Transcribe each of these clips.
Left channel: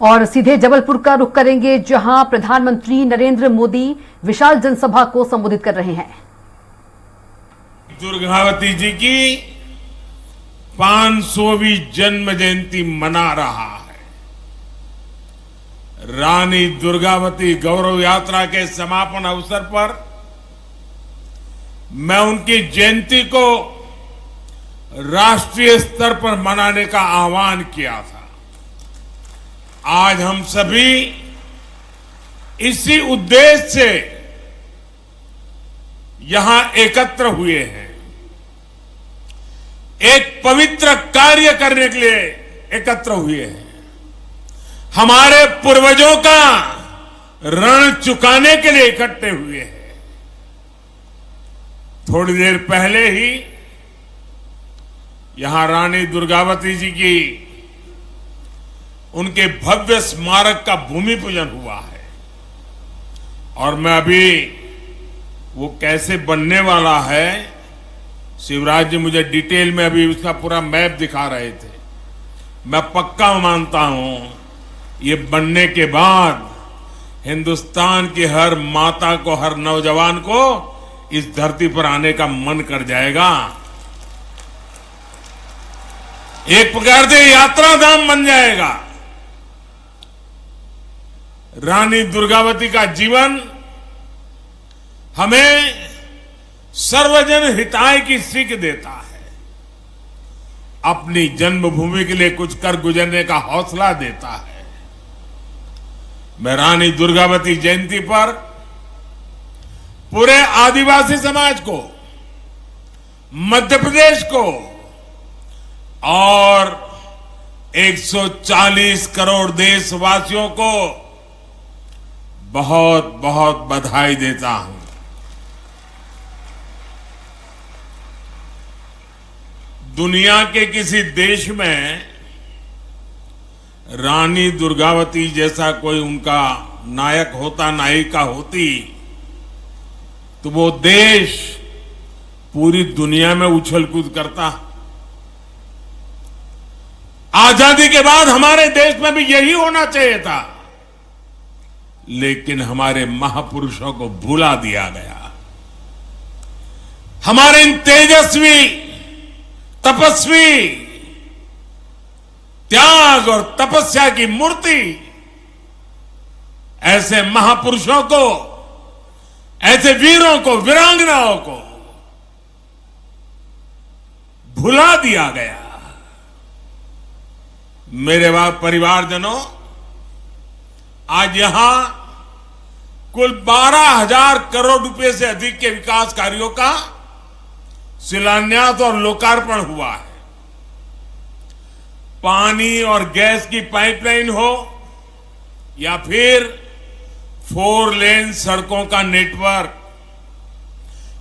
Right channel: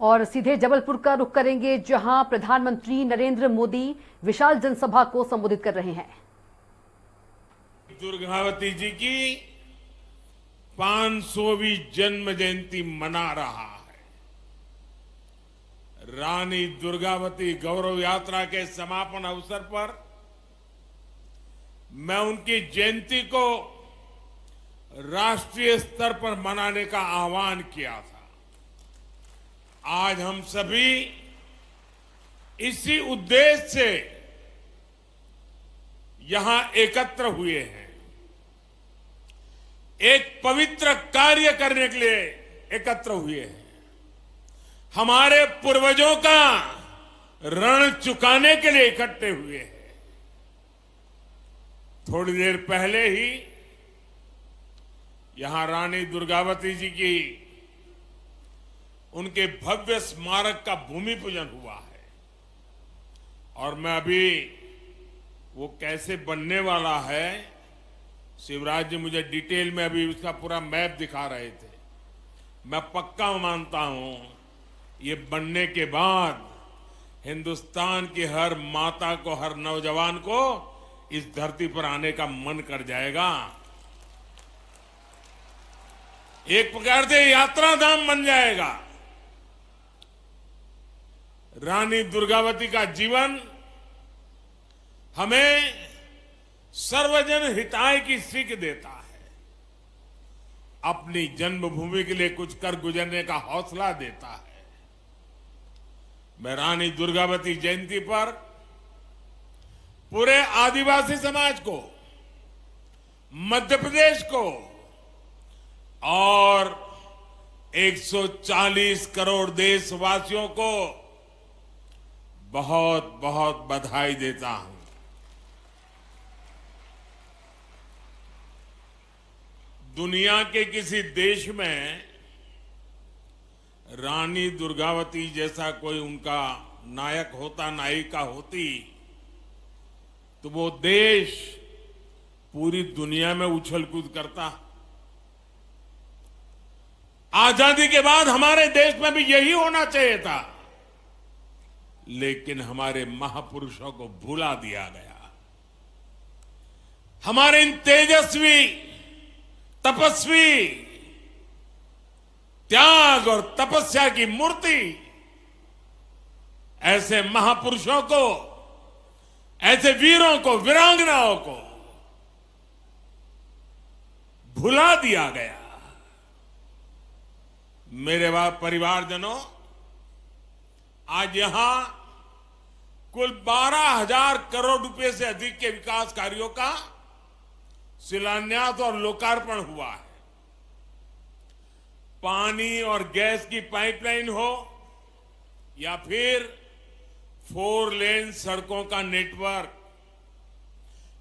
और सीधे जबलपुर का रुख करेंगे, जहां प्रधानमंत्री नरेंद्र मोदी विशाल जनसभा को संबोधित कर रहे हैं। दुर्गावती जी की 500वीं जन्म जयंती मना रहा है। रानी दुर्गावती गौरव यात्रा के समापन अवसर पर मैं उनकी जयंती को राष्ट्रीय स्तर पर मनाने का आह्वान किया था। आज हम सभी इसी उद्देश्य से यहां एकत्र हुए हैं। एक पवित्र कार्य करने के लिए एकत्र हुए हैं। हमारे पूर्वजों का ऋण चुकाने के लिए इकट्ठे हुए हैं। थोड़ी देर पहले ही यहां रानी दुर्गावती जी की उनके भव्य स्मारक का भूमि पूजन हुआ है और मैं अभी वो कैसे बनने वाला है, शिवराज जी मुझे डिटेल में अभी उसका पूरा मैप दिखा रहे थे। मैं पक्का मानता हूं ये बनने के बाद हिंदुस्तान की हर माता को, हर नौजवान को इस धरती पर आने का मन कर जाएगा। एक प्रकार से यात्रा धाम बन जाएगा। रानी दुर्गावती का जीवन हमें सर्वजन हिताय की सीख देता है, अपनी जन्मभूमि के लिए कुछ कर गुजरने का हौसला देता है। मैं रानी दुर्गावती जयंती पर पूरे आदिवासी समाज को, मध्य प्रदेश को और 140 करोड़ देशवासियों को बहुत बहुत बधाई देता हूं। दुनिया के किसी देश में रानी दुर्गावती जैसा कोई उनका नायक होता, नायिका होती, तो वो देश पूरी दुनिया में उछल कूद करता। आजादी के बाद हमारे देश में भी यही होना चाहिए था, लेकिन हमारे महापुरुषों को भुला दिया गया। हमारे इन तेजस्वी, तपस्वी, त्याग और तपस्या की मूर्ति ऐसे महापुरुषों को, ऐसे वीरों को, वीरांगनाओं को भुला दिया गया। मेरे परिवारजनों, आज यहां कुल 12,000 करोड़ रुपए से अधिक के विकास कार्यों का शिलान्यास और लोकार्पण हुआ है। पानी और गैस की पाइपलाइन हो या फिर 4 लेन सड़कों का नेटवर्क,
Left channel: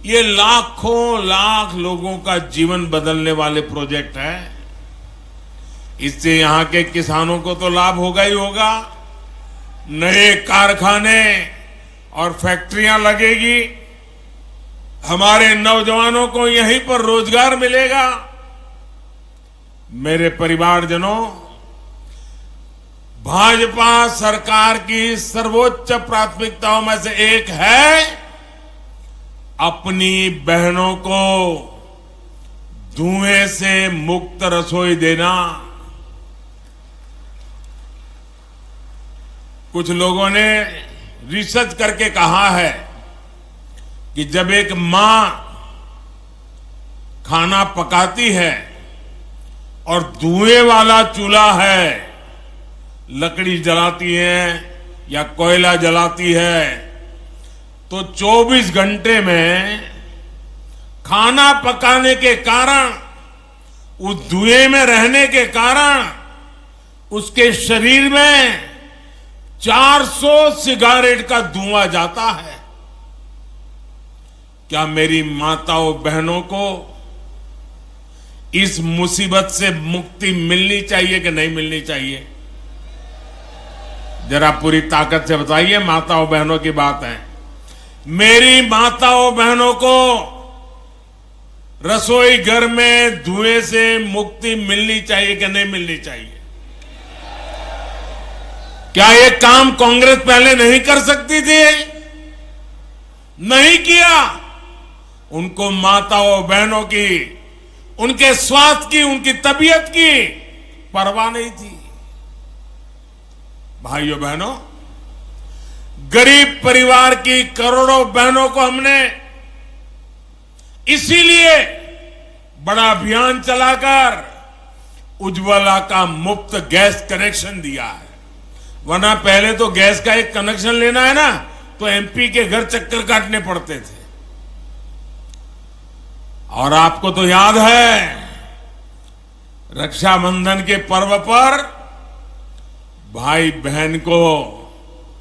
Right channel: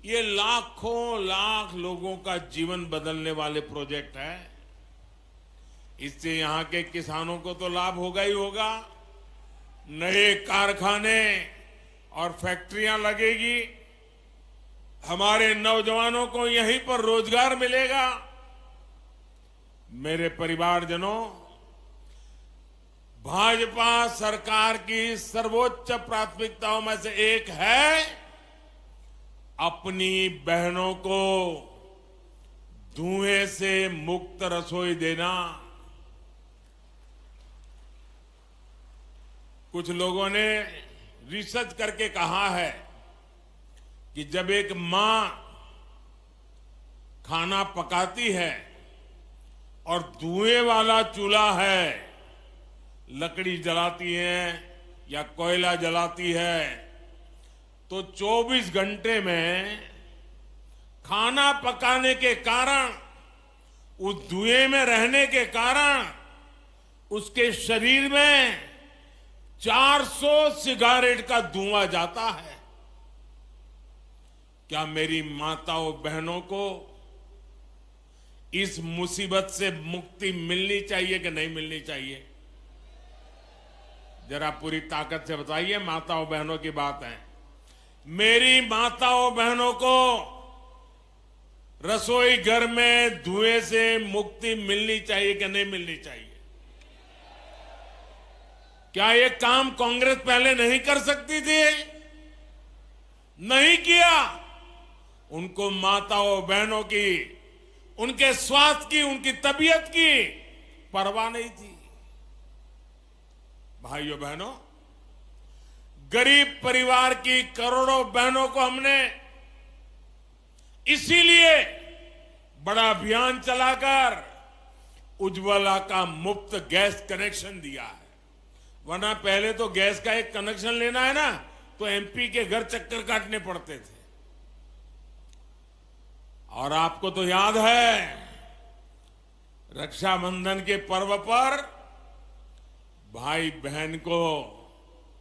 ये लाखों लाख लोगों का जीवन बदलने वाले प्रोजेक्ट हैं। इससे यहां के किसानों को तो लाभ होगा ही होगा, नए कारखाने और फैक्ट्रियां लगेगी, हमारे नौजवानों को यहीं पर रोजगार मिलेगा। मेरे परिवारजनों, भाजपा सरकार की सर्वोच्च प्राथमिकताओं में से एक है अपनी बहनों को धुएं से मुक्त रसोई देना। कुछ लोगों ने रिसर्च करके कहा है कि जब एक मां खाना पकाती है और धुएं वाला चूल्हा है, लकड़ी जलाती है या कोयला जलाती है, तो 24 घंटे में खाना पकाने के कारण, उस धुएं में रहने के कारण उसके शरीर में 400 सिगारेट का धुआं जाता है। क्या मेरी माताओं बहनों को इस मुसीबत से मुक्ति मिलनी चाहिए कि नहीं मिलनी चाहिए? जरा पूरी ताकत से बताइए। माताओं बहनों की बात है। मेरी माताओं बहनों को रसोई घर में धुएं से मुक्ति मिलनी चाहिए कि नहीं मिलनी चाहिए? क्या ये काम कांग्रेस पहले नहीं कर सकती थी? नहीं किया। उनको माताओं बहनों की, उनके स्वास्थ्य की, उनकी तबीयत की परवाह नहीं थी। भाइयों बहनों, गरीब परिवार की करोड़ों बहनों को हमने इसीलिए बड़ा अभियान चलाकर उज्ज्वला का मुफ्त गैस कनेक्शन दिया है। वरना पहले तो गैस का एक कनेक्शन लेना है ना, तो एमपी के घर चक्कर काटने पड़ते थे। और आपको तो याद है, रक्षाबंधन के पर्व पर भाई बहन को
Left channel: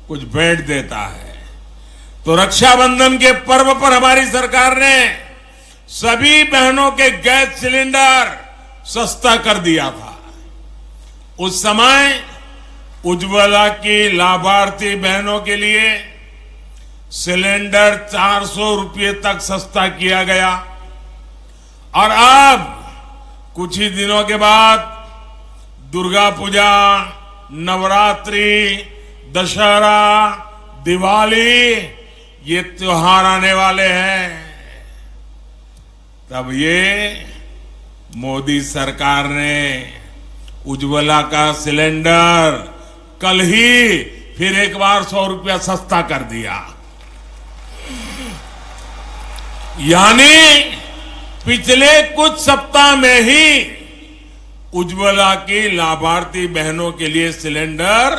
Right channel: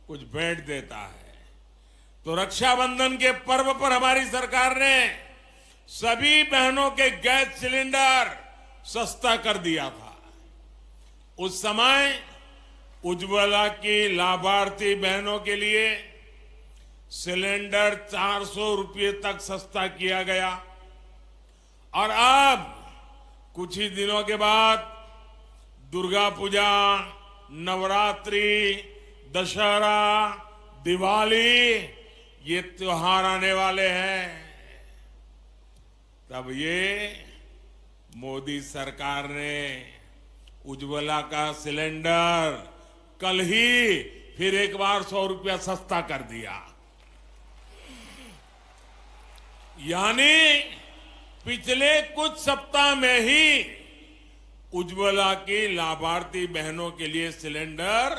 कुछ भेंट देता है, तो रक्षाबंधन के पर्व पर हमारी सरकार ने सभी बहनों के गैस सिलेंडर सस्ता कर दिया था। उस समय उज्ज्वला की लाभार्थी बहनों के लिए सिलेंडर 400 रुपये तक सस्ता किया गया। और अब कुछ ही दिनों के बाद दुर्गा पूजा, नवरात्रि, दशहरा, दिवाली, ये त्योहार आने वाले हैं। तब ये मोदी सरकार ने उज्ज्वला का सिलेंडर कल ही फिर एक बार 100 रुपया सस्ता कर दिया। यानी पिछले कुछ सप्ताह में ही उज्ज्वला की लाभार्थी बहनों के लिए सिलेंडर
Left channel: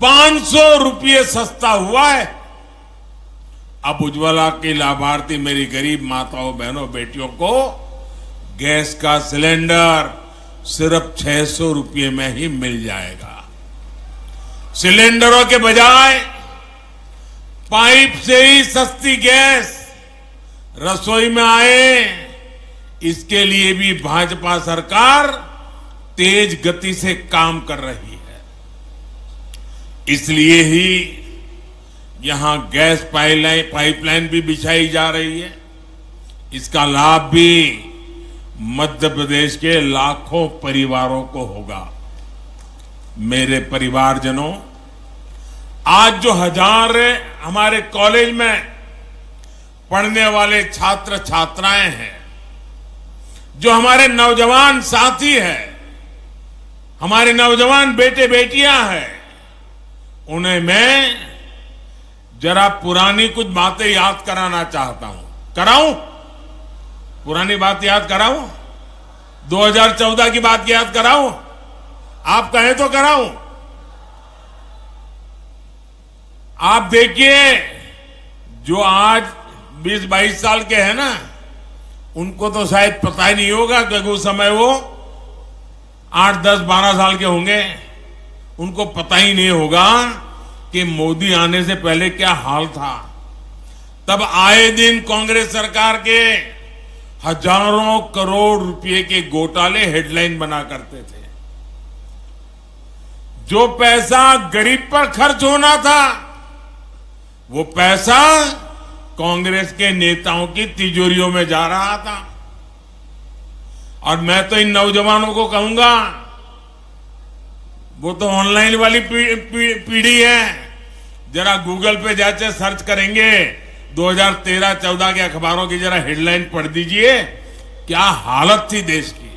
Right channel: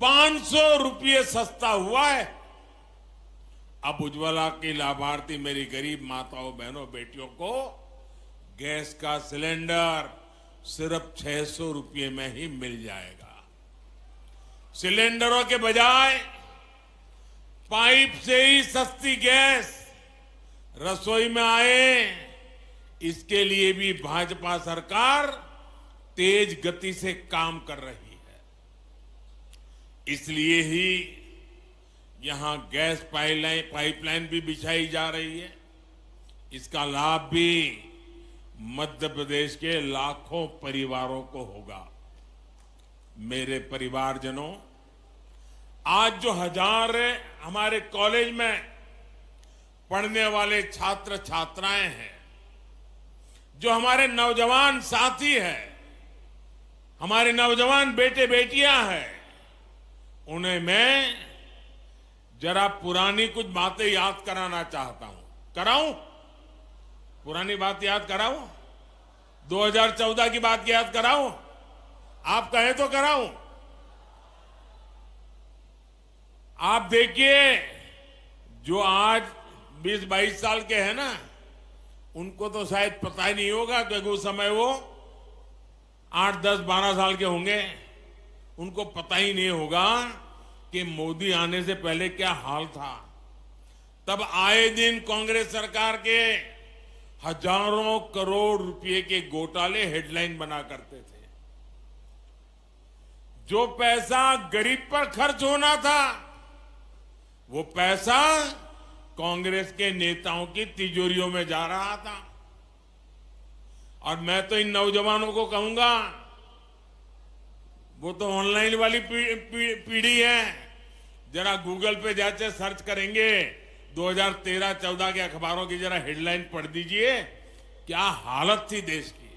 500 रुपये सस्ता हुआ है। अब उज्ज्वला की लाभार्थी मेरी गरीब माताओं, बहनों, बेटियों को गैस का सिलेंडर सिर्फ 600 रुपये में ही मिल जाएगा। सिलेंडरों के बजाय पाइप से ही सस्ती गैस रसोई में आए, इसके लिए भी भाजपा सरकार तेज गति से काम कर रही है। इसलिए ही यहां गैस पाइपलाइन भी बिछाई जा रही है। इसका लाभ भी मध्य प्रदेश के लाखों परिवारों को होगा। मेरे परिवारजनों, आज जो हजार हमारे कॉलेज में पढ़ने वाले छात्र छात्राएं हैं, जो हमारे नौजवान साथी हैं, हमारे नौजवान बेटे बेटियां हैं, उन्हें मैं जरा पुरानी कुछ बातें याद कराना चाहता हूं। कराऊं? पुरानी बात याद कराऊं? 2014 की बात याद कराऊं? आप कहें तो कराऊं। आप देखिए, जो आज 20-22 साल के हैं ना, उनको तो शायद पता ही नहीं होगा, क्योंकि उस समय वो 8, 10, 12 साल के होंगे। उनको पता ही नहीं होगा कि मोदी आने से पहले क्या हाल था। तब आए दिन कांग्रेस सरकार के हजारों करोड़ रुपए के घोटाले हेडलाइन बना करते थे। जो पैसा गरीब पर खर्च होना था, वो पैसा कांग्रेस के नेताओं की तिजोरियों में जा रहा था। और मैं तो इन नौजवानों को कहूंगा, वो तो ऑनलाइन वाली पीढ़ी है, जरा गूगल पे जाके सर्च करेंगे 2013-14 के अखबारों की जरा हेडलाइन पढ़ दीजिए, क्या हालत थी देश की।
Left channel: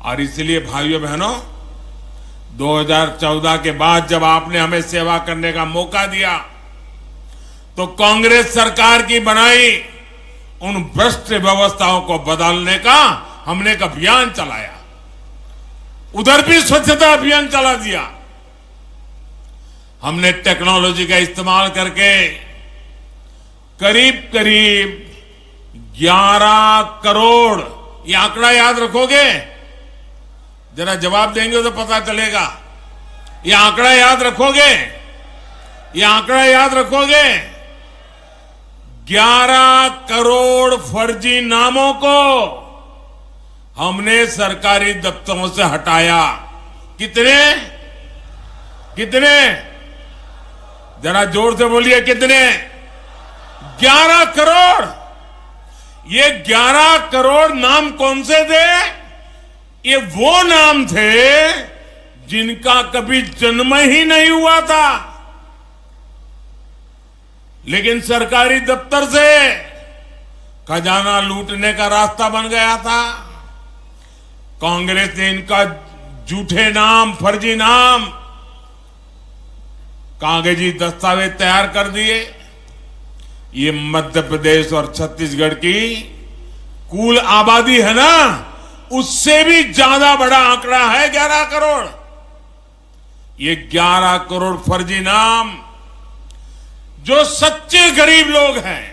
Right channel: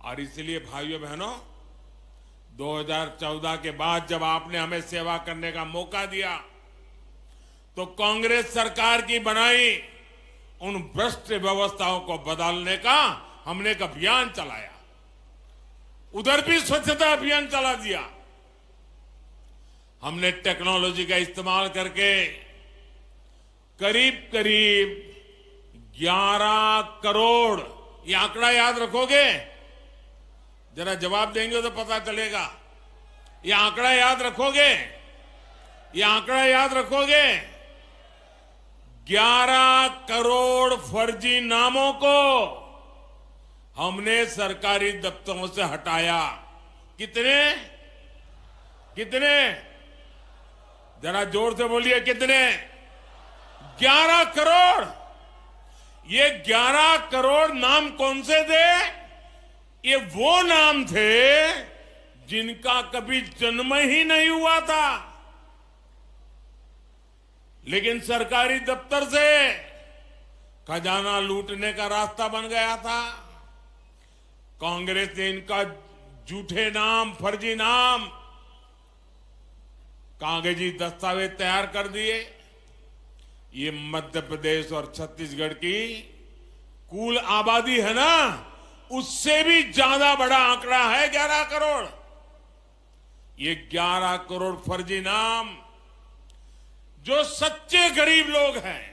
और इसलिए भाइयों बहनों, 2014 के बाद जब आपने हमें सेवा करने का मौका दिया, तो कांग्रेस सरकार की बनाई उन भ्रष्ट व्यवस्थाओं को बदलने का हमने एक अभियान चलाया। उधर भी स्वच्छता अभियान चला दिया। हमने टेक्नोलॉजी का इस्तेमाल करके करीब करीब 11 करोड़, ये आंकड़ा याद रखोगे? जरा जवाब देंगे तो पता चलेगा। ये आंकड़ा याद रखोगे? ये आंकड़ा याद रखोगे? 11 करोड़ फर्जी नामों को हमने सरकारी दफ्तरों से हटाया। कितने? कितने? जरा जोर से बोलिए, कितने? 11 करोड़। ये 11 करोड़ नाम कौन से थे? ये वो नाम थे जिनका कभी जन्म ही नहीं हुआ था, लेकिन सरकारी दफ्तर से खजाना लूटने का रास्ता बन गया था। कांग्रेस ने इनका झूठे नाम, फर्जी नाम, कागजी दस्तावेज तैयार कर दिए। ये मध्य प्रदेश और छत्तीसगढ़ की कुल आबादी है ना, उससे भी ज्यादा बड़ा आंकड़ा है 11 करोड़। ये 11 करोड़ फर्जी नाम जो सच्चे गरीब लोग हैं,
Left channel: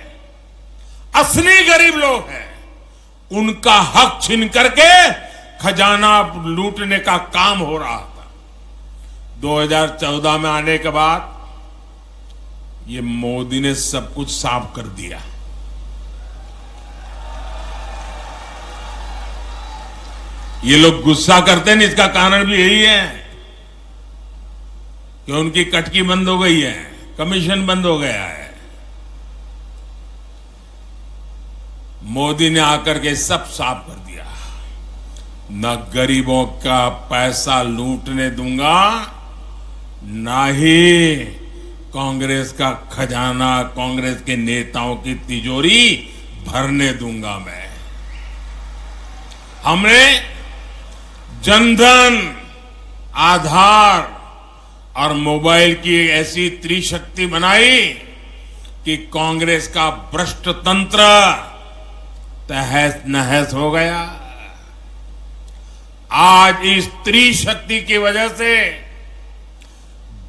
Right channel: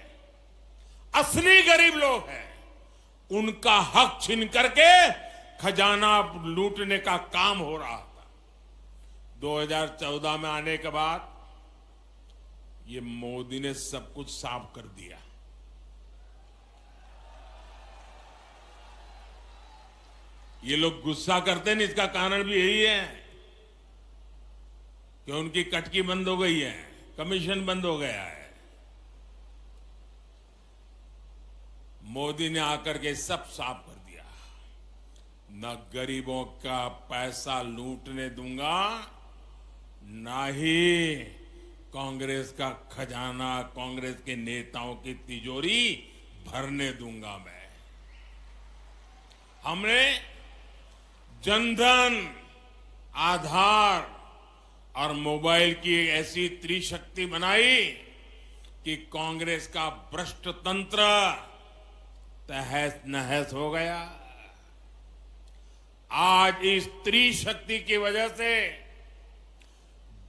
असली गरीब लोग हैं, उनका हक छीन करके खजाना लूटने का काम हो रहा था। 2014 में आने के बाद ये मोदी ने सब कुछ साफ कर दिया। ये लोग गुस्सा करते हैं, इसका कारण भी यही है कि उनकी कटकी बंद हो गई है, कमीशन बंद हो गया है। मोदी ने आकर के सब साफ कर दिया। न गरीबों का पैसा लूटने दूंगा, ना ही कांग्रेस का खजाना, कांग्रेस के नेताओं की तिजोरी भरने दूंगा मैं। हमने जनधन, आधार और मोबाइल की ऐसी त्रिशक्ति बनाई कि कांग्रेस का भ्रष्ट तंत्र तहस नहस हो गया। आज इस त्रिशक्ति की वजह से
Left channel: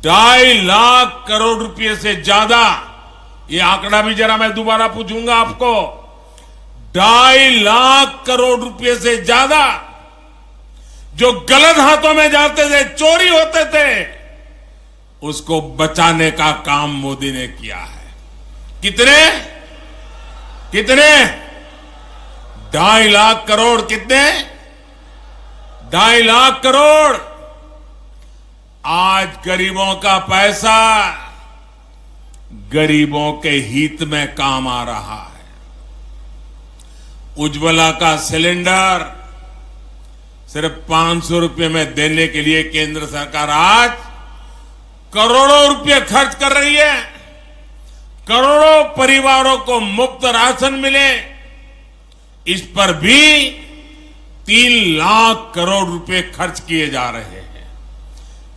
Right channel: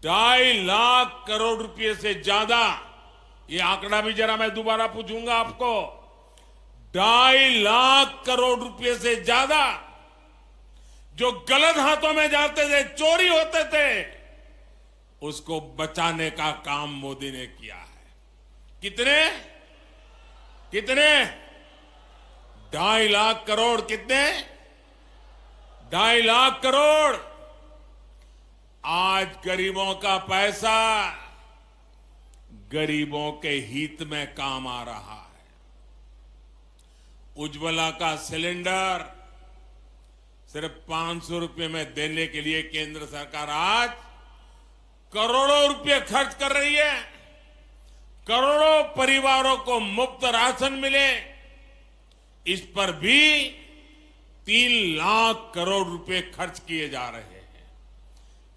2.5 लाख करोड़ रुपए से ज्यादा, ये आंकड़ा भी जरा मैं दोबारा पूछूंगा आपको, 2.5 लाख करोड़ रुपए से ज्यादा जो गलत हाथों में जाते थे, चोरी होते थे, उसको बचाने का काम मोदी ने किया है। कितने कितने 2.5 लाख करोड़। कितने 2.5 लाख करोड़। आज गरीबों का पैसा गरीबों के हित में काम आ रहा है। उज्ज्वला का सिलेंडर सिर्फ 500 रुपए में देने के लिए केंद्र सरकार आज करोड़ों रुपए खर्च कर रही है। करोड़ों परिवारों को मुफ्त राशन मिले, इस पर भी 3 लाख करोड़ रुपए खर्च किए जा रहे हैं।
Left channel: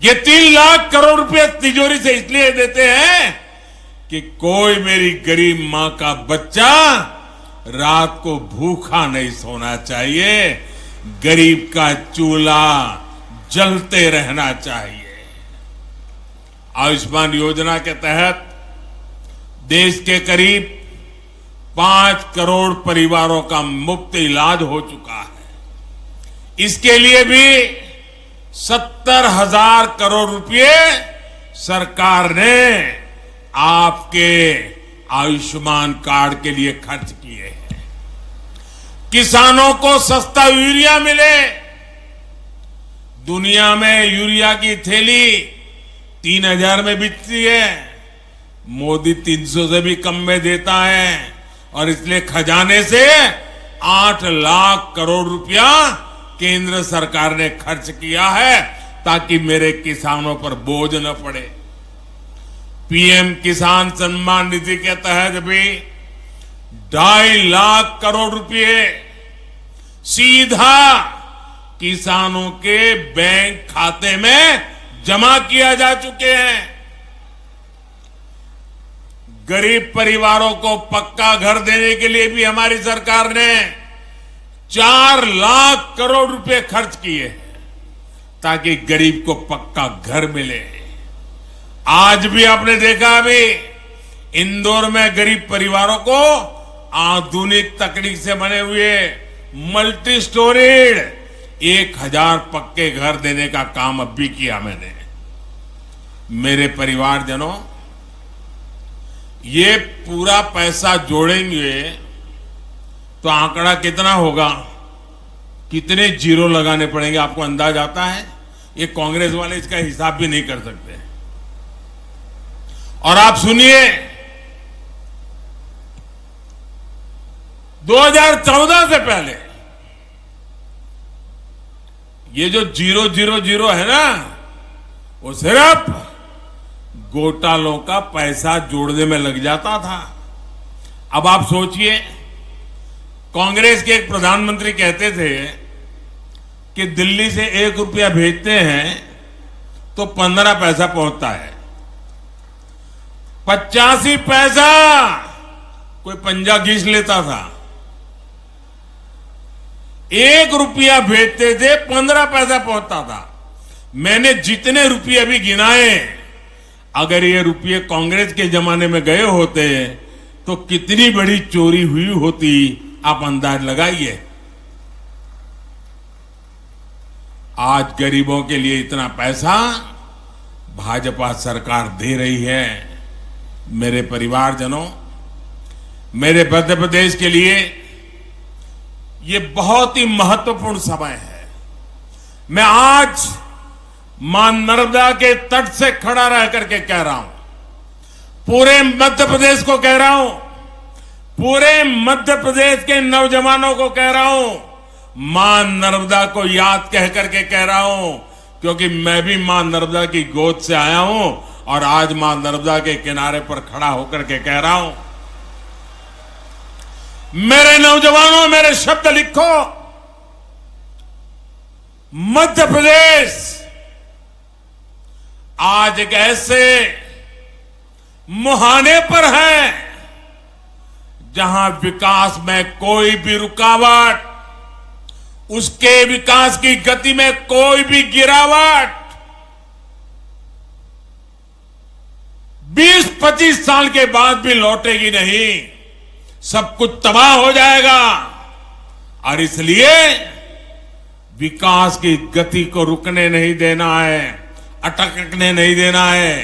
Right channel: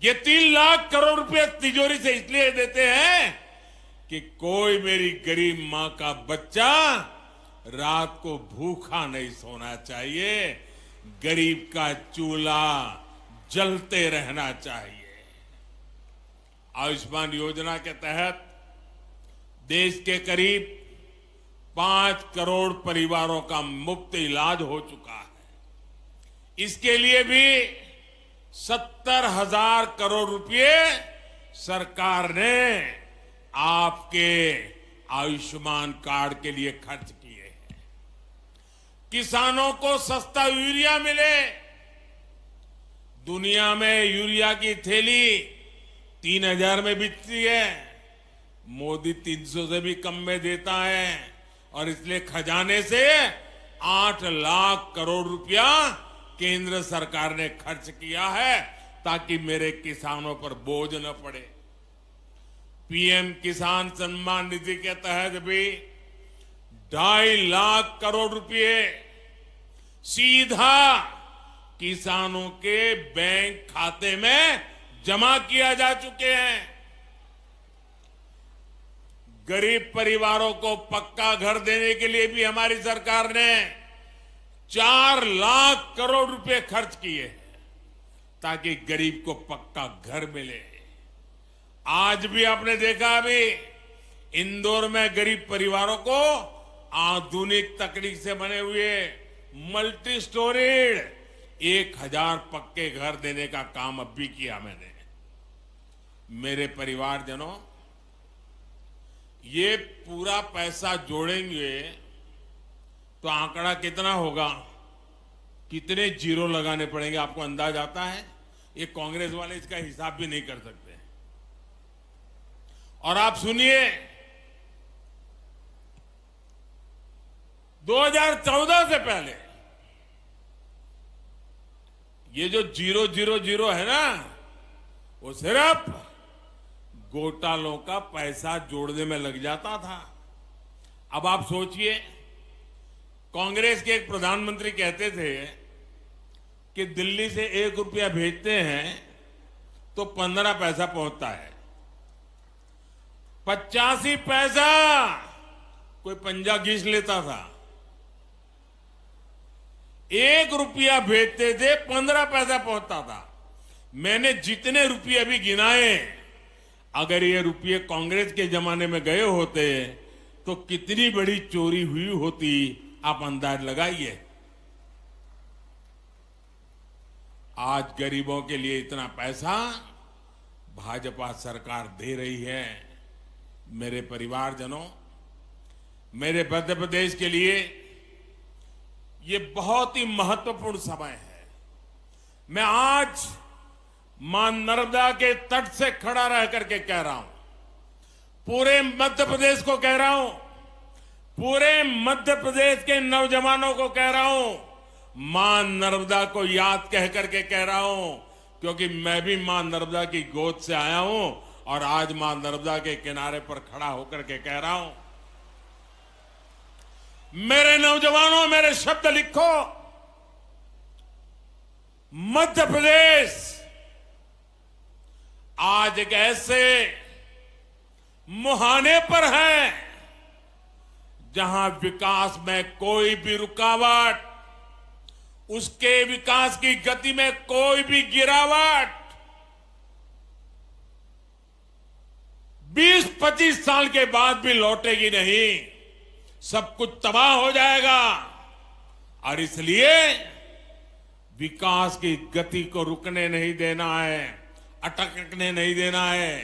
ये 3 लाख करोड़ रुपए तिजोरी से इसलिए देते हैं कि कोई मेरी गरीब मां का बच्चा रात को भूखा नहीं सोना चाहिए, गरीब का चूल्हा जलते रहना चाहिए। आयुष्मान योजना के तहत देश के करीब 5 करोड़ परिवारों का मुफ्त इलाज हो चुका है। इसके लिए भी 70,000 करोड़ रुपए सरकार ने आपके आयुष्मान कार्ड के लिए खर्च किए हैं। किसानों को सस्ता यूरिया मिले। दुनिया में यूरिया की थैली 3,000 में बिकती है, मोदी 300 से भी कम में देता है, और इसलिए खजाने से 8 लाख करोड़ रुपया केंद्र सरकार ने खर्च किया है ताकि मेरे किसानों पर बोझ न पड़े। पीएम किसान सम्मान निधि के तहत भी 2.5 लाख करोड़ रुपए सीधा किसानों के बैंक खाते में जमा किया जा चुके हैं। गरीब परिवारों को पक्का घर देने के लिए भी हमारी सरकार ने 4 लाख करोड़ रुपए खर्च किए ताकि गरीब को पक्का घर मिले। आज भी आपने देखा, अभी इंदौर में गरीब परिवारों को आधुनिक तकनीक से बने हुए मल्टी स्टोरीड 1000 पक्के घर देने का काम अब भी किया मैंने। मेरे परिवारजनों, ये पूरा पैसा जोड़ेंगे तो आंकड़ा कितना होगा, कितने जीरो लगाने पड़ेंगे, आपको अंदाज आता है? ये कांग्रेस वाले इसका हिसाब भी नहीं कर सकते। और आप सुनिए, 2014 से पहले ये जो 000 है ना, वो सिर्फ घोटालों का पैसा जोड़ने में लग जाता था। अब आप सोचिए, कांग्रेस के एक प्रधानमंत्री कहते थे कि दिल्ली से 1 रुपया भेजते हैं तो 15 पैसा पहुंचता है। 85 पैसा कोई पंजा घींच लेता था। 1 रुपया भेजते थे, 15 पैसा पहुंचता था। मैंने जितने रुपये अभी गिनाए, अगर ये रुपये कांग्रेस के जमाने में गए होते तो कितनी बड़ी चोरी हुई होती, आप अंदाज लगाइए। आज गरीबों के लिए इतना पैसा भाजपा सरकार दे रही है। मेरे परिवारजनों, मेरे मध्य प्रदेश के लिए ये बहुत ही महत्वपूर्ण समय है। मैं आज मां नर्मदा के तट से खड़ा रह करके कह रहा हूं, पूरे मध्य प्रदेश को कह रहा हूं, पूरे मध्य प्रदेश के नौजवानों को कह रहा हूं, मां नर्मदा को याद कह करके कह रहा हूं, क्योंकि मैं भी मां नर्मदा की गोद से आया हूं और आज मां नर्मदा के किनारे पर खड़ा होकर के कह रहा हूं, मेरे नौजवानों, मेरे शब्द लिखो। मध्य प्रदेश आज एक ऐसे मुहाने पर है जहां विकास में कोई भी रुकावट, उसके विकास की गति में कोई भी गिरावट 20-25 साल के बाद भी लौटेगी नहीं। सब कुछ तबाह हो जाएगा। और इसलिए विकास की गति को रुकने नहीं देना है, अटकने नहीं देना है।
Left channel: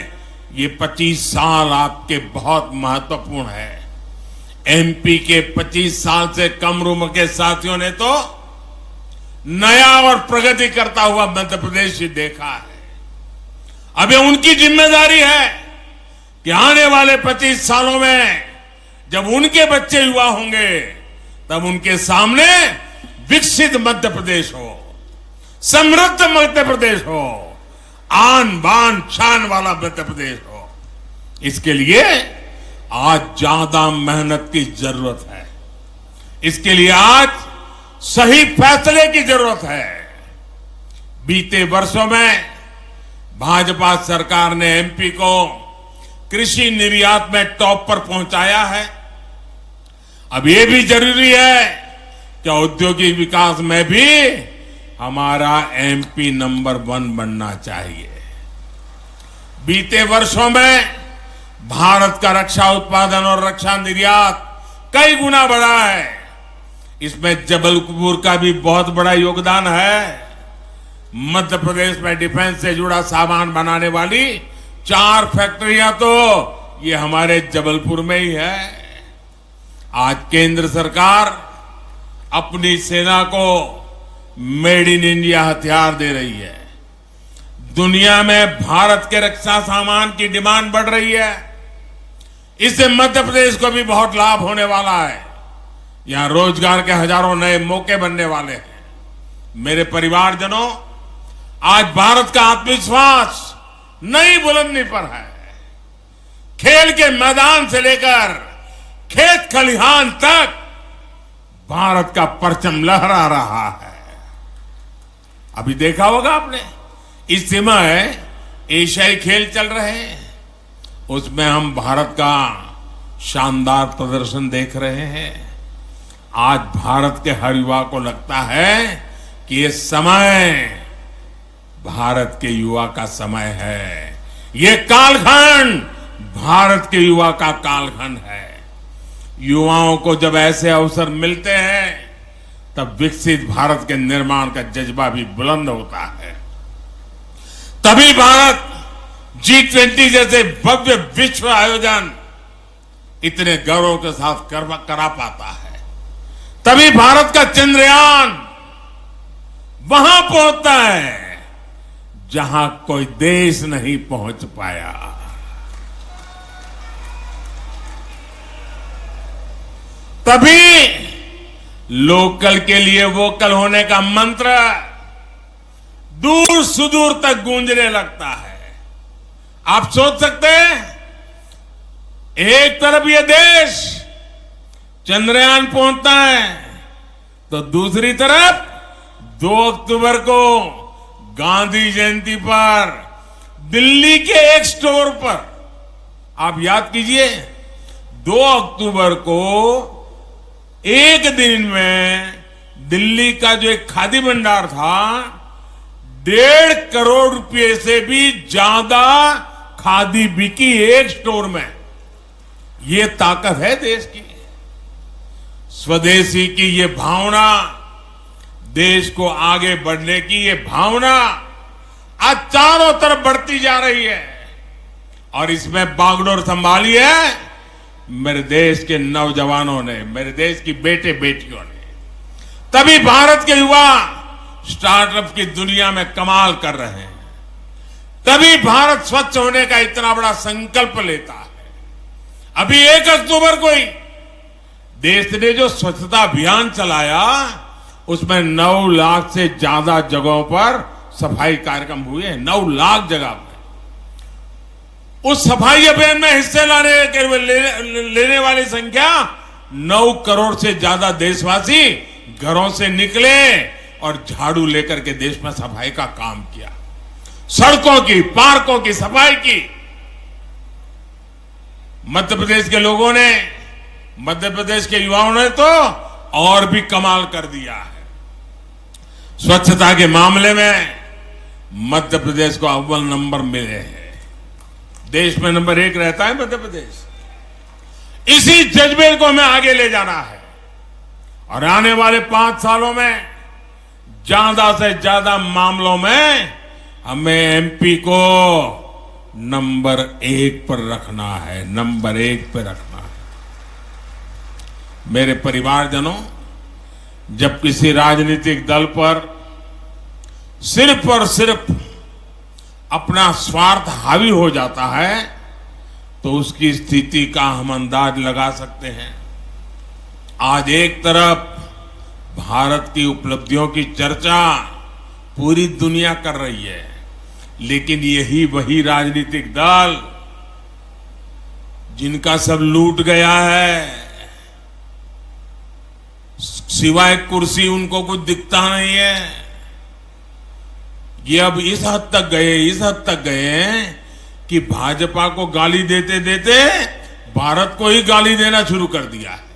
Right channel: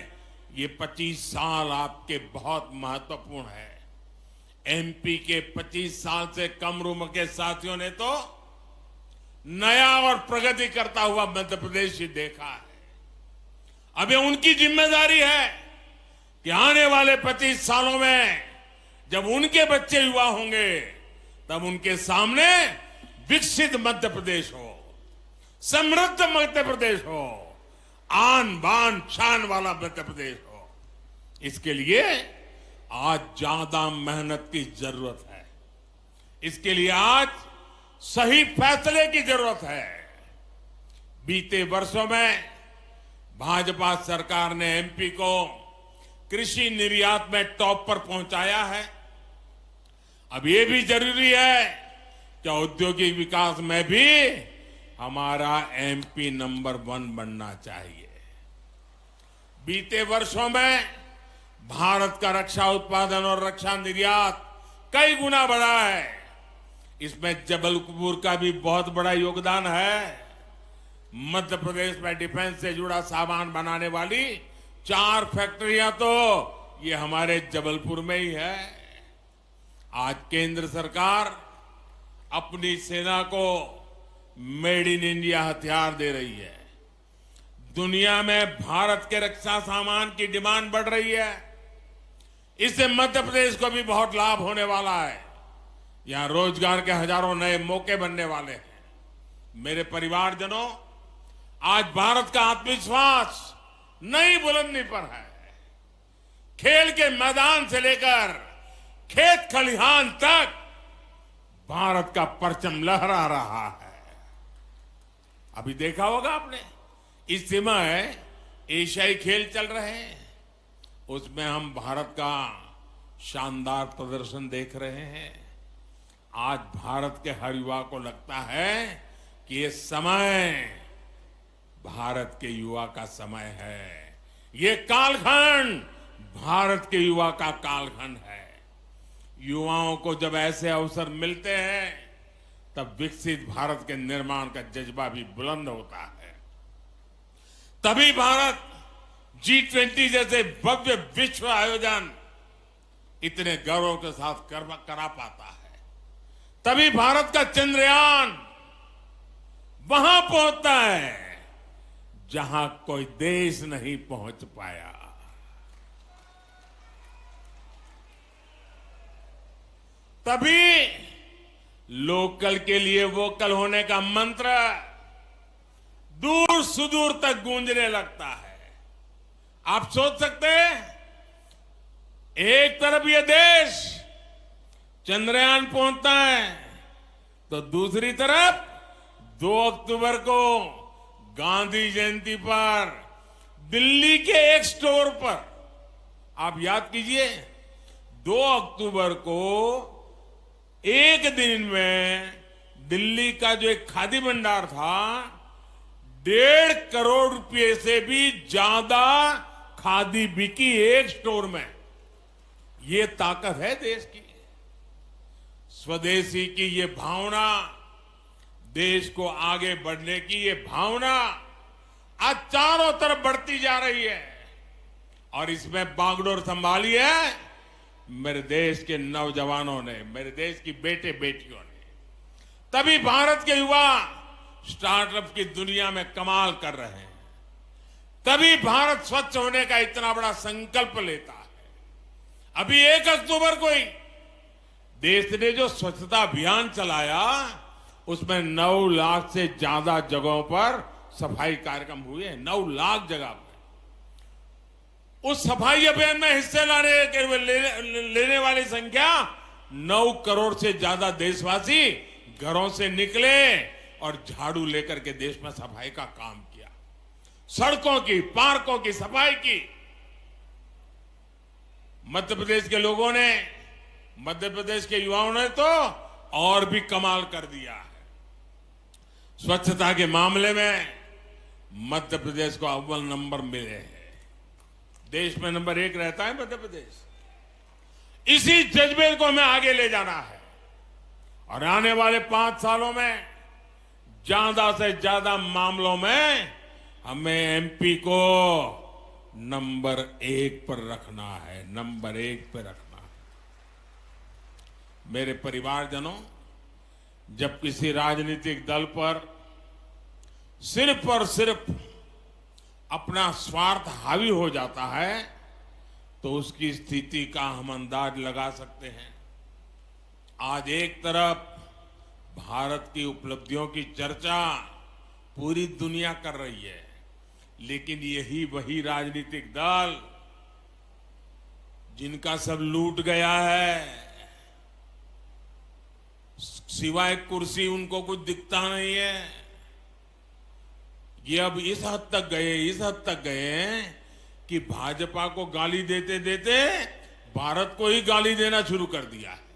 ये 25 साल आपके बहुत महत्वपूर्ण है। एमपी के 25 साल से कम उम्र के साथियों ने तो नया और प्रगति करता हुआ मध्य प्रदेश ही देखा है। अब ये उनकी जिम्मेदारी है कि आने वाले 25 सालों में जब उनके बच्चे युवा होंगे, तब उनके सामने विकसित मध्य प्रदेश हो, समृद्ध मध्य प्रदेश हो, आन बान शान वाला मध्य प्रदेश हो। इसके लिए आज ज्यादा मेहनत की जरूरत है। इसके लिए आज सही फैसले की जरूरत है। बीते वर्षों में भाजपा सरकार ने एमपी को कृषि निर्यात में टॉप पर पहुंचाया है। अब ये भी जरूरी है कि औद्योगिक विकास में भी हमारा एमपी नंबर 1 बनना चाहिए। बीते वर्षों में भारत का रक्षा उत्पादन और रक्षा निर्यात कई गुना बढ़ा है। इसमें जबलपुर का भी बहुत बड़ा योगदान है। मध्य प्रदेश में डिफेंस से जुड़ा सामान बनाने वाली 4 फैक्ट्रियां तो ये हमारे जबलपुर में ही है। आज केंद्र सरकार अपनी सेना को मेड इन इंडिया हथियार दे रही है। दुनिया में भारत के रक्षा सामान की डिमांड बढ़ रही है। इससे मध्य प्रदेश को भी बहुत लाभ होने वाला है। यहां रोजगार के हजारों नए मौके बनने वाले हैं। मेरे परिवारजनों, आज भारत का आत्मविश्वास नई बुलंदी पर है। खेल के मैदान से लेकर खेत खलिहान तक भारत का परचम लहरा रहा है। अभी देखा होगा आपने, इस समय एशियाई खेल चल रहे हैं, उसमें हम भारत का शानदार प्रदर्शन देख रहे हैं। आज भारत के हर युवा को लगता है कि ये समय भारत के युवा का समय है। ये कालखंड भारत के युवा का कालखंड है। युवाओं को जब ऐसे अवसर मिलते हैं, तब विकसित भारत के निर्माण का जज्बा भी बुलंद होता है। तभी भारत G20 जैसे भव्य विश्व आयोजन इतने गौरव के साथ करा पाता है। तभी भारत का चंद्रयान वहां पहुंचता है जहां कोई देश नहीं पहुंच पाया। तभी लोकल के लिए वोकल होने का मंत्र दूर सुदूर तक गूंजने लगता है। आप सोच सकते हैं, एक तरफ ये देश चंद्रयान पहुंचता है तो दूसरी तरफ 2 अक्टूबर को गांधी जयंती पर दिल्ली के एक स्टोर पर, आप याद कीजिए, 2 अक्टूबर को एक दिन में दिल्ली का जो एक खादी भंडार था, 1.5 करोड़ रुपए से भी ज्यादा खादी बिकी एक स्टोर में। ये ताकत है देश की। स्वदेशी की ये भावना, देश को आगे बढ़ने की ये भावना आज चारों तरफ बढ़ती जा रही है। और इसमें बागडोर संभाली है मेरे देश के नौजवानों ने, मेरे देश की बेटे बेटियों ने। तभी भारत के युवा स्टार्टअप की दुनिया में कमाल कर रहे हैं। तभी भारत स्वच्छ होने का इतना बड़ा संकल्प लेता है। अभी 1 अक्टूबर को ही देश ने जो स्वच्छता अभियान चलाया, उसमें 9 लाख से ज्यादा जगहों पर सफाई कार्यक्रम हुए हैं। 9 लाख जगह पर उस सफाई अभियान में हिस्से लेने वाली संख्या 9 करोड़ से ज्यादा देशवासी घरों से निकले और झाड़ू लेकर के देश में सफाई का काम किया। सड़कों की, पार्कों की सफाई की। मध्य प्रदेश के लोगों ने, मध्य प्रदेश के युवाओं ने तो और भी कमाल कर दिया है। स्वच्छता के मामले में मध्य प्रदेश को अव्वल नंबर मिले हैं। देश में नंबर 1 रहता है मध्य प्रदेश। इसी जज्बे को हमें आगे ले जाना है और आने वाले 5 सालों में ज्यादा से ज्यादा मामलों में हमें एमपी को नंबर 1 पर रखना है, नंबर 1 पर रखना है। मेरे परिवारजनों, जब किसी राजनीतिक दल पर सिर्फ और सिर्फ अपना स्वार्थ हावी हो जाता है तो उसकी स्थिति का हम अंदाज लगा सकते हैं। आज एक तरफ भारत की उपलब्धियों की चर्चा पूरी दुनिया कर रही है, लेकिन यही वही राजनीतिक दल जिनका सब लूट गया है, सिवाय कुर्सी उनको कुछ दिखता नहीं है, ये अब इस हद तक गए कि भाजपा को गाली देते देते भारत को ही गाली देना शुरू कर दिया है।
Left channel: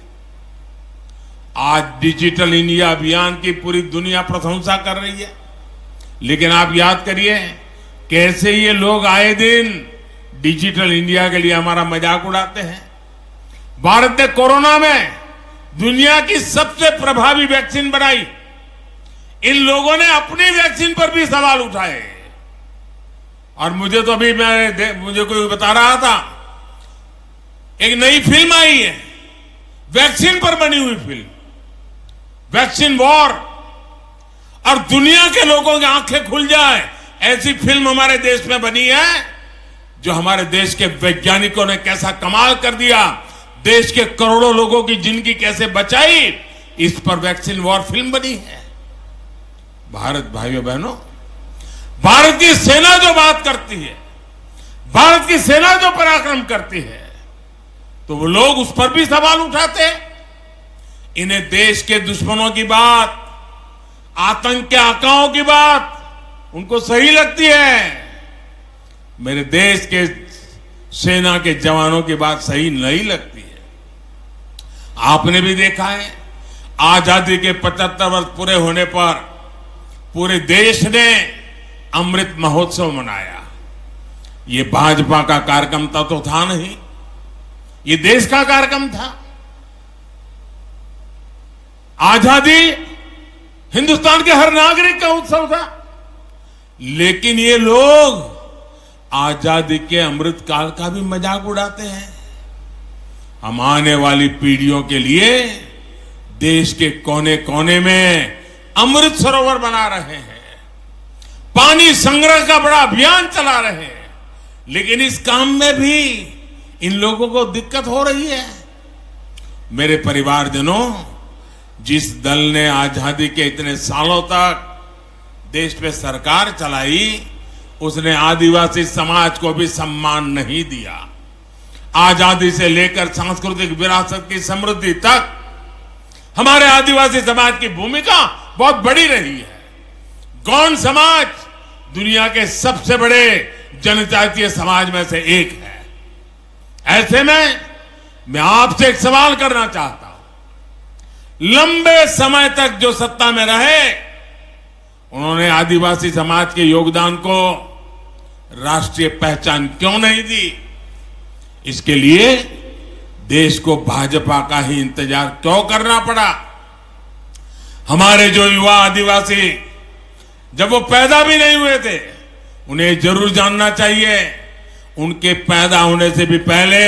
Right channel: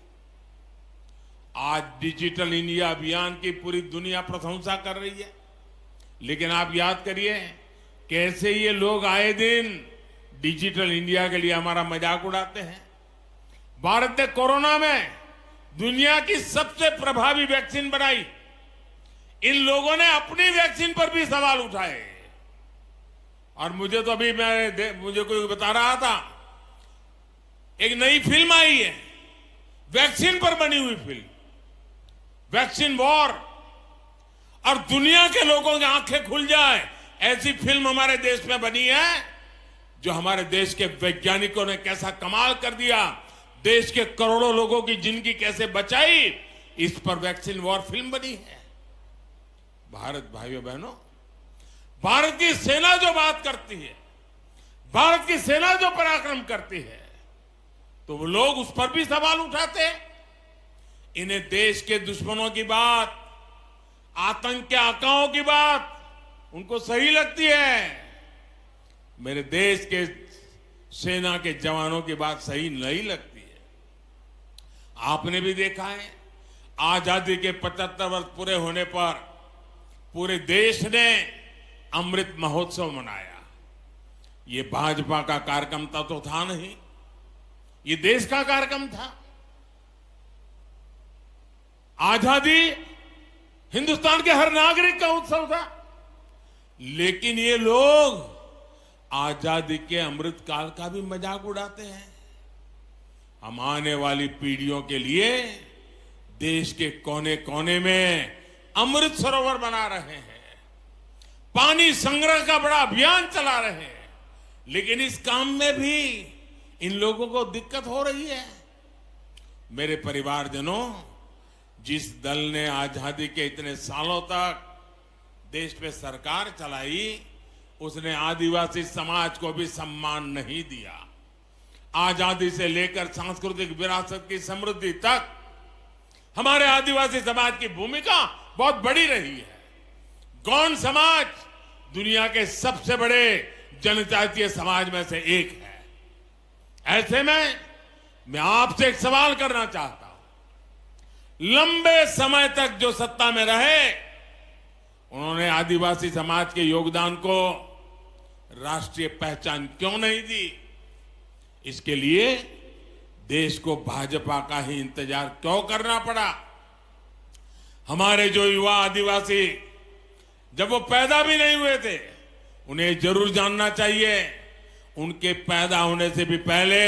आज डिजिटल इंडिया अभियान की पूरी दुनिया प्रशंसा कर रही है, लेकिन आप याद करिए कैसे ये लोग आए दिन डिजिटल इंडिया के लिए हमारा मजाक उड़ाते हैं। भारत ने कोरोना में दुनिया की सबसे प्रभावी वैक्सीन बनाई। इन लोगों ने अपनी वैक्सीन पर भी सवाल उठाए। और मुझे तो अभी मुझे कोई बता रहा था, एक नई फिल्म आई है वैक्सीन पर बनी हुई फिल्म, वैक्सीन वॉर, और दुनिया के लोगों की आंखें खुल जाए ऐसी फिल्म हमारे देश में बनी है, जो हमारे देश के वैज्ञानिकों ने कैसा कमाल कर दिया, देश के करोड़ों लोगों की जिंदगी कैसे बचाई, इस पर वैक्सीन वॉर फिल्म बनी है। भारत भाइयों बहनों, भारत की सेना जो बात करती है, भारत की सेना जो पराक्रम करती है, तो वो लोग उस पर भी सवाल उठाते हैं। इन्हें देश के दुश्मनों की बात, आतंक के आकाओं की बात उनको सही लगती है, मेरे देश के सेना के जवानों की बात सही नहीं लगती है। आपने भी देखा है, आजादी के 75 वर्ष पूरे होने पर पूरे देश ने अमृत महोत्सव मनाया। ये भाजपा का कार्यक्रम तो था नहीं, ये देश का कार्यक्रम था। आजादी हिंदुस्तान के हर नागरिक का उत्सव था, लेकिन ये लोग आजादी के अमृत काल का भी मजाक उड़ाते हैं। हम आने वाली पीढ़ियों के लिए देश के कोने कोने में अमृत सरोवर बना रहे हैं, पानी संग्रह का बड़ा अभियान चला रहे हैं, लेकिन इस काम में भी इन लोगों को दिक्कत हो रही है। मेरे परिवारजनों, जिस दल ने आजादी के इतने सालों तक देश पे सरकार चलाई, उसने आदिवासी समाज को भी सम्मान नहीं दिया। आजादी से लेकर सांस्कृतिक विरासत की समृद्धि तक हमारे आदिवासी समाज की भूमिका बहुत बड़ी रही है। गौंड समाज दुनिया के सबसे बड़े जनजातीय समाज में से एक है। ऐसे में मैं आपसे एक सवाल करना चाहता हूं। लंबे समय तक जो सत्ता में रहे, उन्होंने आदिवासी समाज के योगदान को राष्ट्रीय पहचान क्यों नहीं दी? इसके लिए देश को भाजपा का ही इंतजार क्यों करना पड़ा? हमारे जो युवा आदिवासी जब वो पैदा भी नहीं हुए थे, उन्हें जरूर जानना चाहिए, उनके पैदा होने से भी पहले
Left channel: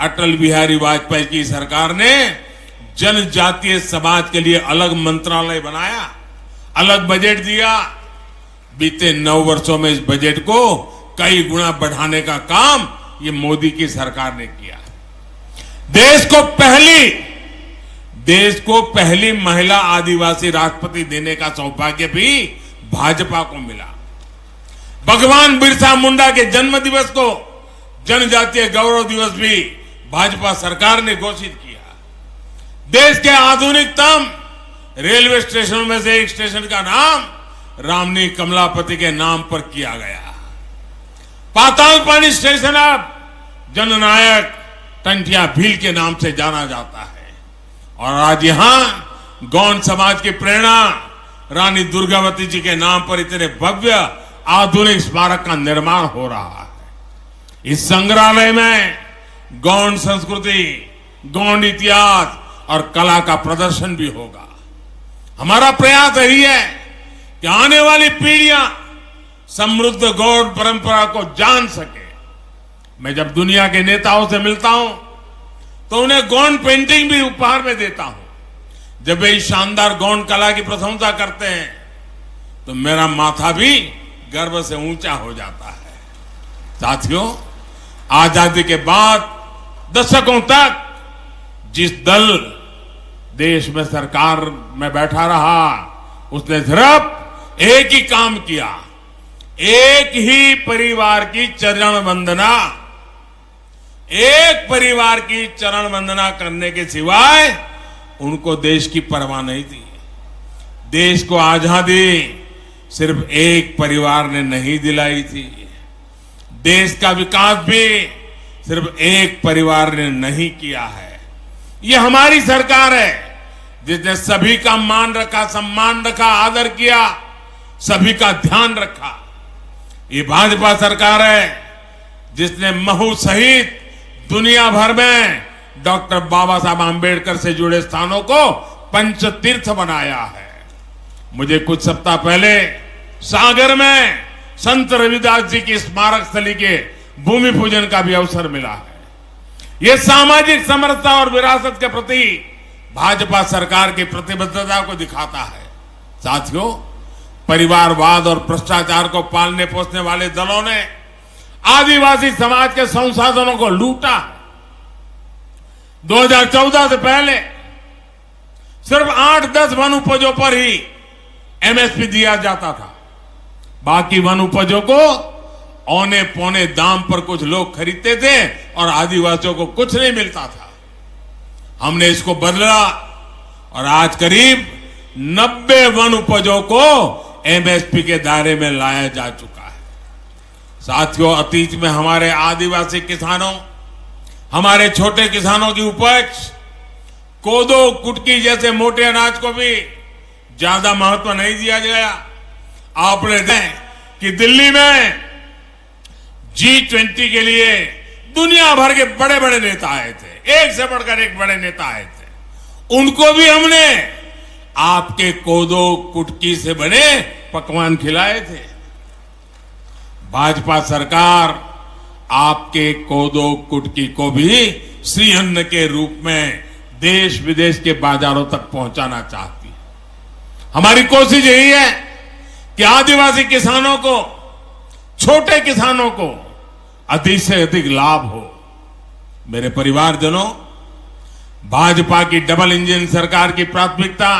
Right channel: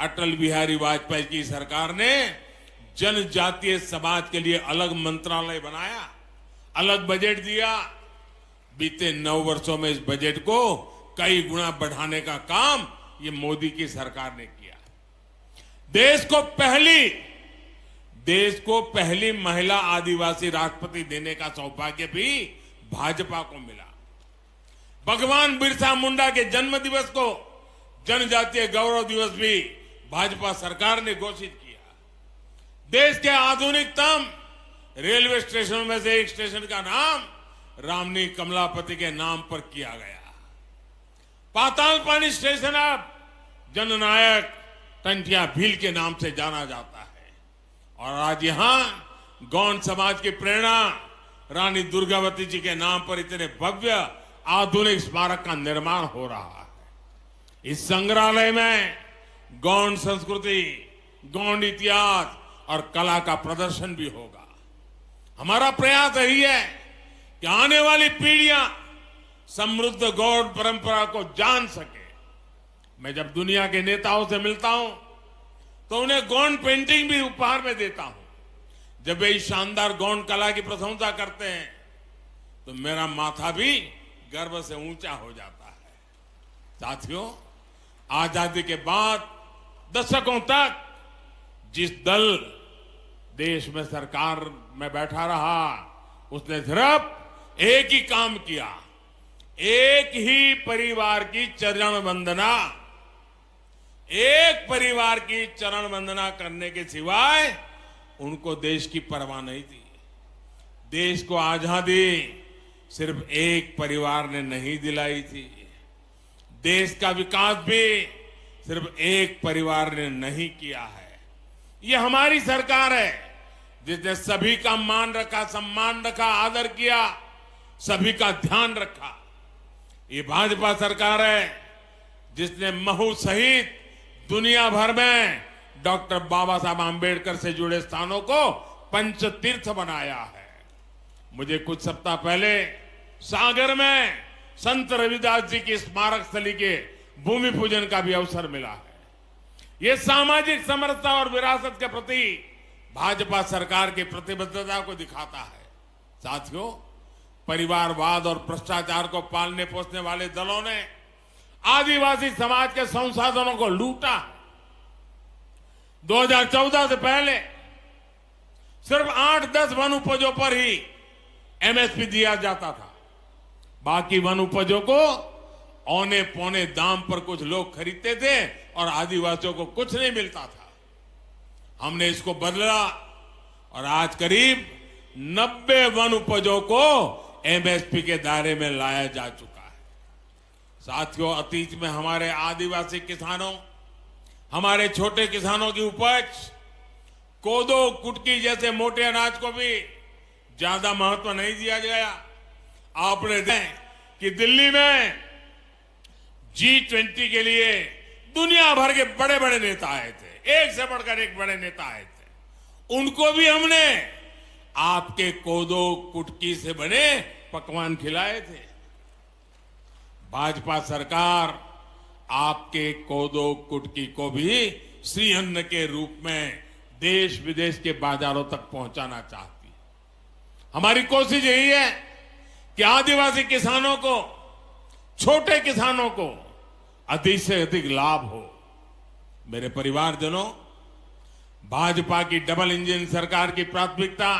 अटल बिहारी वाजपेयी की सरकार ने जनजातीय समाज के लिए अलग मंत्रालय बनाया, अलग बजट दिया। बीते 9 वर्षों में इस बजट को कई गुना बढ़ाने का काम ये मोदी की सरकार ने किया। देश को पहली महिला आदिवासी राष्ट्रपति देने का सौभाग्य भी भाजपा को मिला। भगवान बिरसा मुंडा के जन्म दिवस को जनजातीय गौरव दिवस भी भाजपा सरकार ने घोषित किया। देश के आधुनिकतम रेलवे स्टेशनों में से एक स्टेशन का नाम रामनी कमलापति के नाम पर किया गया। पाताल पानी स्टेशन अब जननायक टंटिया भील के नाम से जाना जाता है। और आज यहां गौंड समाज की प्रेरणा रानी दुर्गावती जी के नाम पर इतने भव्य आधुनिक स्मारक का निर्माण हो रहा है। इस संग्रहालय में गौंड संस्कृति, गौंड इतिहास और कला का प्रदर्शन भी होगा। हमारा प्रयास यही है कि आने वाली पीढ़ियां समृद्ध गौंड परंपरा को जान सके। मैं जब दुनिया के नेताओं से मिलता हूं तो उन्हें गौंड पेंटिंग भी उपहार में देता हूं। जब वे इस शानदार गौंड कला की प्रशंसा करते हैं तो मेरा माथा भी गर्व से ऊंचा हो जाता है। साथियों, आजादी के बाद दशकों तक जिस दल देश में सरकार में बैठा रहा, उसने सिर्फ एक ही काम किया, एक ही परिवार की चरण वंदना, एक परिवार की चरण वंदना करने के सिवाय उनको देश की परवाह नहीं थी। देश को आजादी सिर्फ एक परिवार ने नहीं दिलाई थी। देश का विकास भी सिर्फ एक परिवार ने नहीं किया है। ये हमारी सरकार है जिसने सभी का मान रखा, सम्मान रखा, आदर किया, सभी का ध्यान रखा। ये भाजपा सरकार है जिसने महू सहित दुनिया भर में डॉक्टर बाबा साहब आंबेडकर से जुड़े स्थानों को पंच तीर्थ बनाया है। मुझे कुछ सप्ताह पहले सागर में संत रविदास जी की स्मारक स्थली के भूमि पूजन का भी अवसर मिला है। यह सामाजिक समरसता और विरासत के प्रति भाजपा सरकार की प्रतिबद्धता को दिखाता है। साथियों, परिवारवाद और भ्रष्टाचार को पालने पोसने वाले दलों ने आदिवासी समाज के संसाधनों को लूटा है। 2014 से पहले सिर्फ 8-10 वन उपजों पर ही एमएसपी दिया जाता था। बाकी वन उपजों को औने पौने दाम पर कुछ लोग खरीदते थे और आदिवासियों को कुछ नहीं मिलता था। हमने इसको बदला और आज करीब 90 वन उपजों को एमएसपी के दायरे में लाया जा चुका है। साथियों, अतीत में हमारे आदिवासी किसानों, हमारे छोटे किसानों की उपज कोदो, कुटकी जैसे मोटे अनाज को भी ज्यादा महत्व नहीं दिया गया। आपने देखा कि दिल्ली में G20 के लिए दुनिया भर के बड़े बड़े नेता आए थे, एक से बढ़कर एक बड़े नेता आए थे। उनको भी हमने आपके कोदो, कुटकी से बने पकवान खिलाए थे। भाजपा सरकार आपके कोदो, कुटकी को भी श्री अन्न के रूप में देश विदेश के बाजारों तक पहुंचाना चाहती है। हमारी कोशिश यही है कि आदिवासी किसानों को, छोटे किसानों को अधिक से अधिक लाभ हो। मेरे परिवारजनों, भाजपा की डबल इंजन सरकार की प्राथमिकता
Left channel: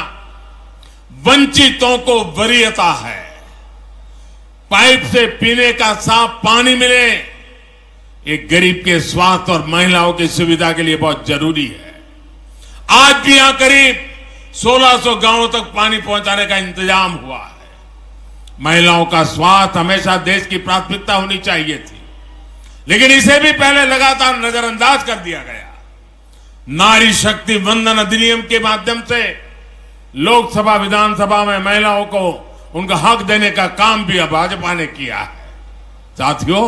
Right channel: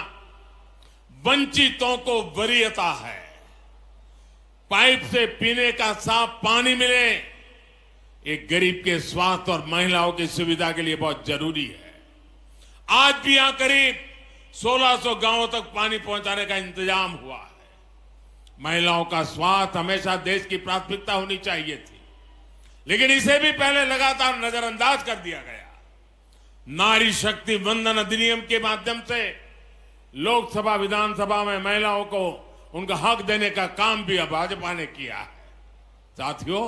वंचितों को वरीयता है। पाइप से पीने का साफ पानी मिले, एक गरीब के स्वास्थ्य और महिलाओं की सुविधा के लिए बहुत जरूरी है। आज भी यहां करीब 1600 गांवों तक पानी पहुंचाने का इंतजाम हुआ है। महिलाओं का स्वास्थ्य हमेशा देश की प्राथमिकता होनी चाहिए थी, लेकिन इसे भी पहले लगातार नजरअंदाज कर दिया गया। नारी शक्ति वंदन अधिनियम के माध्यम से लोकसभा विधानसभा में महिलाओं को उनका हक देने का काम भी अब भाजपा ने किया है। साथियों,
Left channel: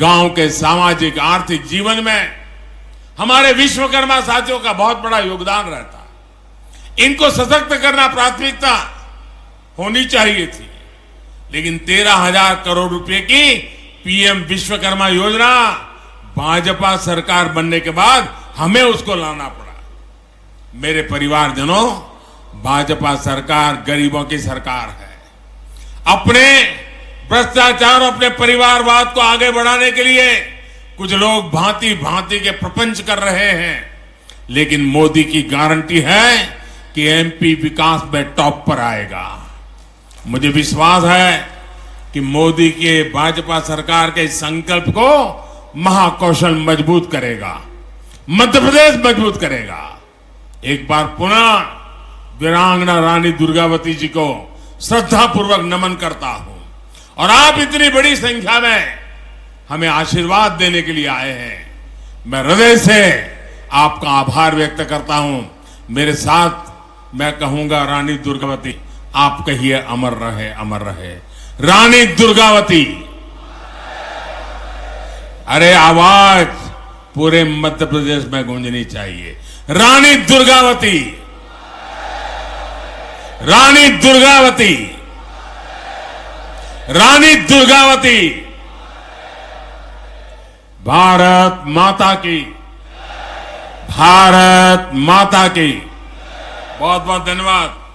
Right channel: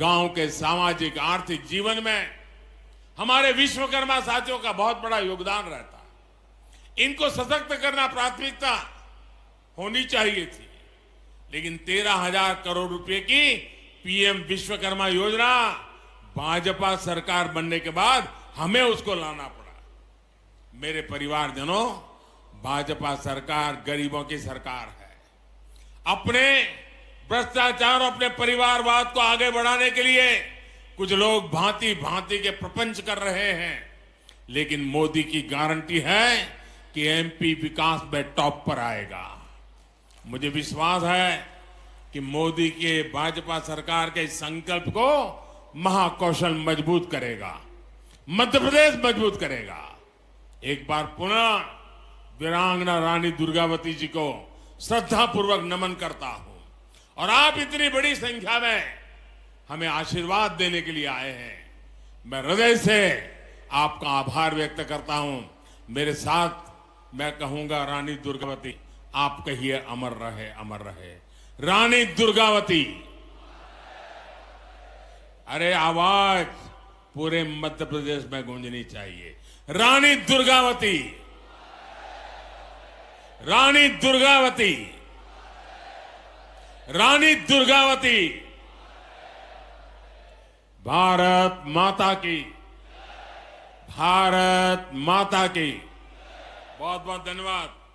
गांव के सामाजिक आर्थिक जीवन में हमारे विश्वकर्मा साथियों का बहुत बड़ा योगदान रहता है। इनको सशक्त करना प्राथमिकता होनी चाहिए थी, लेकिन 13,000 करोड़ रुपए की पीएम विश्वकर्मा योजना भाजपा सरकार बनने के बाद हमें उसको लाना पड़ा। मेरे परिवारजनों, भाजपा सरकार गरीबों की सरकार है। अपने भ्रष्टाचार, अपने परिवारवाद को आगे बढ़ाने के लिए कुछ लोग भांति भांति के प्रपंच कर रहे हैं, लेकिन मोदी की गारंटी है कि एमपी विकास में टॉप पर आएगा। मुझे विश्वास है कि मोदी के भाजपा सरकार के इस संकल्प को महाकौशल मजबूत करेगा, मध्य प्रदेश मजबूत करेगा। एक बार पुनः वीरांगना रानी दुर्गावती जी को श्रद्धापूर्वक नमन करता हूं, और आप इतनी बड़ी संख्या में हमें आशीर्वाद देने के लिए आए हैं। मैं हृदय से आपका आभार व्यक्त करता हूं। मेरे साथ मैं कहूंगा, रानी दुर्गावती, आप कहिए अमर रहे, अमर रहे। रानी दुर्गावती। अरे आवाज पूरे मध्य प्रदेश में गूंजनी चाहिए। रानी दुर्गावती, रानी दुर्गावती, रानी दुर्गावती। भारत माता की, भारत माता की। बहुत बहुत धन्यवाद।